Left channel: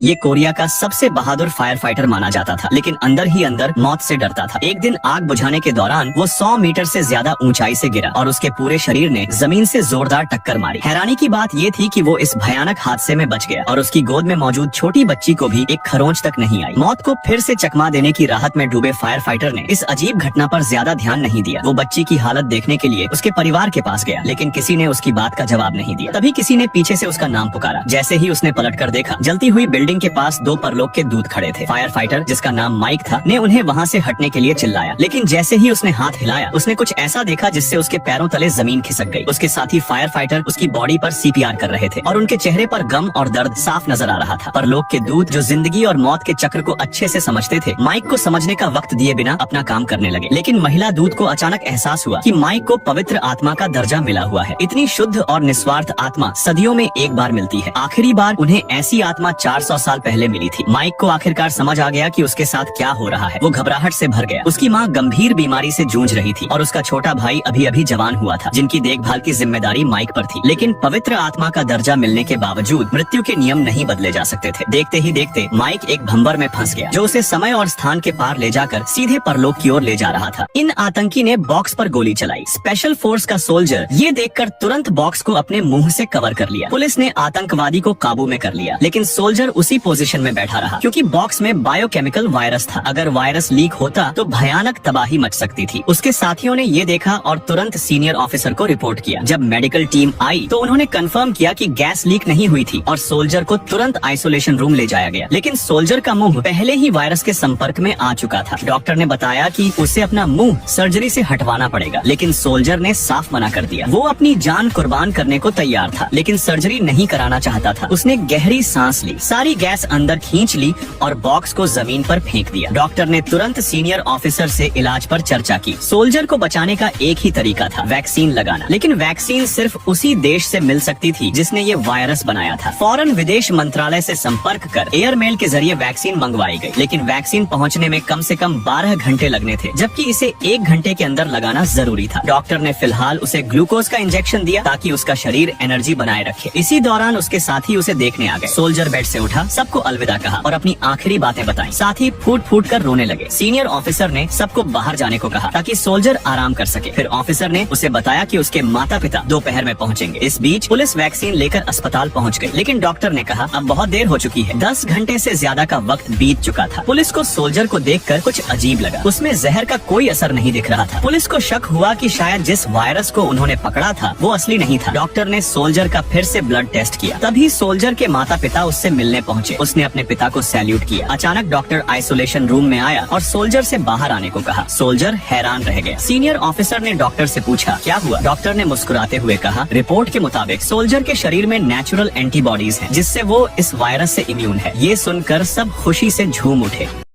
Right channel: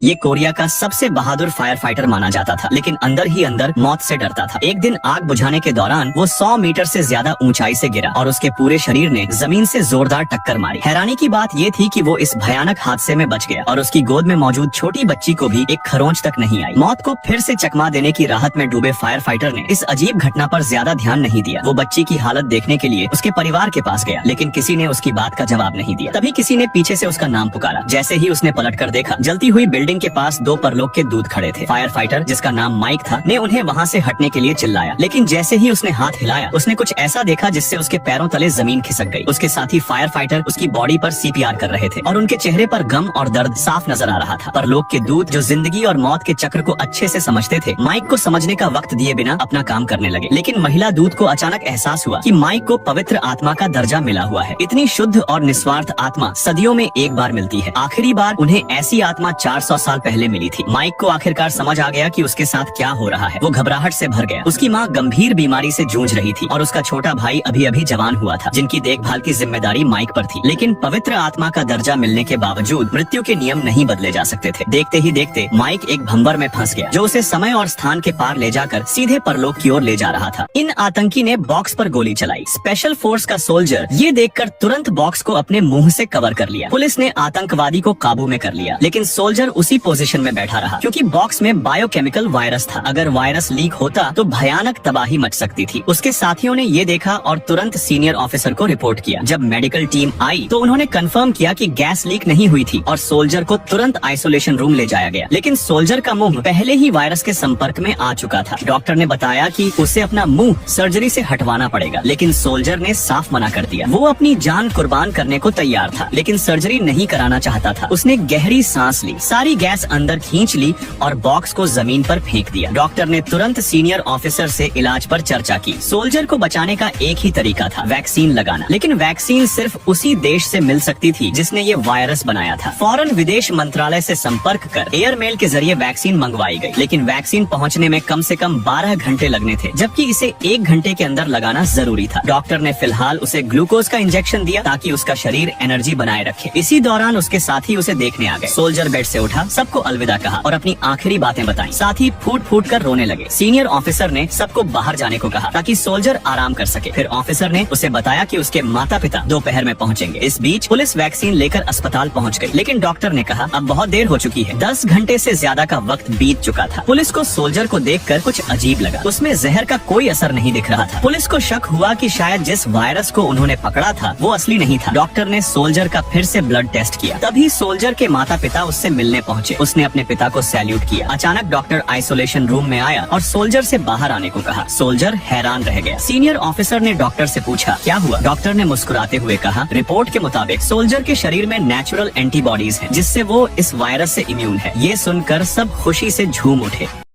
ये कोरिया का सबसे बहादुर फायर फाइटर माना जाता था, लेकिन अंदर ही अंदर मौत से डरता था। एक दिन आग बुझाने के दौरान वो 100 मीटर से ज्यादा ऊंचाई से गिरा और उसके पूरे शरीर ने जमीन से जोरदार टक्कर मारी। हैरानी की बात ये थी कि वो इस भयानक हादसे में बच गया और उसकी गोद में मौजूद छोटी बच्ची को भी एक खरोंच तक नहीं आई। मौत को फिर से चकमा देने की राहत में डूबे फायर फाइटर ने इस अजीब घटना पर ज्यादा ध्यान नहीं दिया। वो बच्ची की हालत देखने के लिए उसके परिवार के पास गया, लेकिन किसी ने उसकी बात का जवाब नहीं दिया। तभी किसी ने पीछे से उसका नाम पुकारा। जैसे ही उसने पलट कर देखा, जलती हुई बिल्डिंग के पास 2 परलोक के दूत खड़े थे। फायर फाइटर, जिसका नाम माइक था, ने उन्हें वहाँ से हटने के लिए चिल्लाया, लेकिन जैसे ही उसने हाथ हिलाया, उसने कुछ ऐसा देखा जिससे उसके पैरों तले जमीन खिसक गई। उसके साथी फायर फाइटर उसकी बॉडी पर सीपीआर कर रहे थे और उनके चेहरे पर गम और दर्द साफ नजर आ रहा था। परलोक के दूत, जो जिंदगी और मौत के चक्र को अच्छे से समझते थे, माइक को समझने का वक्त दिए बिना अपना काम करने लगे। लेकिन महिला दूत को अचानक एहसास हुआ कि माइक को पवित्र आत्मा का दर्जा मिला हुआ है। इतनी शुद्ध और निस्वार्थ आत्मा सदियों में एक बार मिलती है। आखिरी बार उन्हें ऐसी आत्मा 400 साल पहले मिली थी। माइक को आखिरकार समझ आ गया कि उसके साथ क्या हो रहा है। वो घबराहट से भर गया। उसकी माँ गंभीर बीमारी से जूझ रही थी और उसका छोटा भाई अभी अभी जवान हुआ था, जिनकी देखभाल की जिम्मेदारी माइक पर थी। लेकिन पवित्र आत्मा का दर्जा मिलने के बावजूद मृत्यु के नियम नहीं बदले जा सकते थे। देखते ही देखते माइक एक भंवर में फंस गया, जो उसे समय और स्थान के पार ले जाकर सीधे परलोक की ओर ले जा रहा था। इन आतंकी ने बॉक्स पर गोली चलाई। स्पेशल फोर्स का सोल्जर ये देखकर तुरंत बॉक्स को अपने मुंह से कवर कर लिया। पुलिस ने आतंकवादी को काबू में कर लिया, लेकिन सोल्जर उसी पोजीशन में बैठा रहा, क्योंकि बॉक्स में बायोकेमिकल वायरस था। अगर वायरस लीक होता तो भयानक तबाही मच सकती थी। उसके साथियों ने ये देखा और तुरंत सीनियर ऑफिसर को रिपोर्ट किया। जब मेडिकल टीम आई तो उन्होंने कंफर्म किया कि गैस लीक नहीं हुई थी और सोल्जर को तुरंत आइसोलेशन रूम ले जाया गया। लेकिन सोल्जर का मुंह पहले ही वायरस के संपर्क में आ चुका था। डॉक्टर ने बताया कि उसे अपना मुंह सर्जरी से हटवाना पड़ेगा, लेकिन सोल्जर ने साफ मना कर दिया। वो अपनी जान कुर्बान करने को तैयार था, लेकिन सर्जरी नहीं कराना चाहता था। उसने गहरी सांस ली, सारी गैस अंदर खींच ली और बॉक्स को जमीन पर फेंक दिया। डॉक्टर ने तुरंत सीनियर ऑफिसर से इलाज पर चर्चा की। सोल्जर को बचाने का एक ही तरीका था, वैक्सीन लगाना। लेकिन वैक्सीन सिर्फ उसी देश से मिल सकती थी जिसने ये वायरस बनाया था। फौरन विदेश मंत्रालय से संपर्क कर एयरमेल के जरिए वैक्सीन मंगवाई गई, लेकिन वैक्सीन पहुंचने में कम से कम 12 घंटे लगने थे, जबकि इसे 1 घंटे के अंदर लगाना जरूरी था। डॉक्टर ने फिलहाल उसे ग्लूकोज का इंजेक्शन दिया ताकि उसका शरीर एनर्जी बनाए रखे। इसी दौरान उसके साथी उसे देखने आ गए। सोल्जर बेड से उठा, सबको अलविदा कहा और अपनी आखिरी बातें बताई। साथी फूट फूट कर रोने लगे। सीनियर ऑफिसर ने सबको बाहर जाने को कहा ताकि सोल्जर आराम कर सके। फिर ऑफिसर ने उसे बताया कि उसके माता पिता दोपहर में पहुंचेंगे। इस बीच पुलिस वैक्सीन लेकर अस्पताल पहुंच गई, लेकिन डॉक्टर ने कहा अब बहुत देर हो चुकी है। 10 घंटे से ज्यादा का वक्त बीत चुका था। पुलिस को सोल्जर को देखकर कुछ अजीब लगा। उसमें जहर का कोई असर नहीं दिख रहा था। पुलिस को शक हुआ कि शायद जिस वायरस को उन्होंने पकड़ा था वो असली नहीं था। डॉक्टर ने सोल्जर का फिर से ब्लड टेस्ट किया। तभी सोल्जर के माता पिता उससे मिलने पहुंचे। उसने अपने पिता को सैल्यूट किया। अचानक डॉक्टर आइसोलेशन रूम में आया और सोल्जर से बाहर आने को कहा। सोल्जर हैरान रह गया। सीनियर ऑफिसर ने डॉक्टर से पूछा क्या हुआ। डॉक्टर ने मुस्कुराते हुए कहा रिपोर्ट के मुताबिक सोल्जर के शरीर में नेचुरल एंटीबॉडीज हैं, जिससे वो इस वायरस से इम्यून है। ये सुनकर सब खुशी से झूम उठे।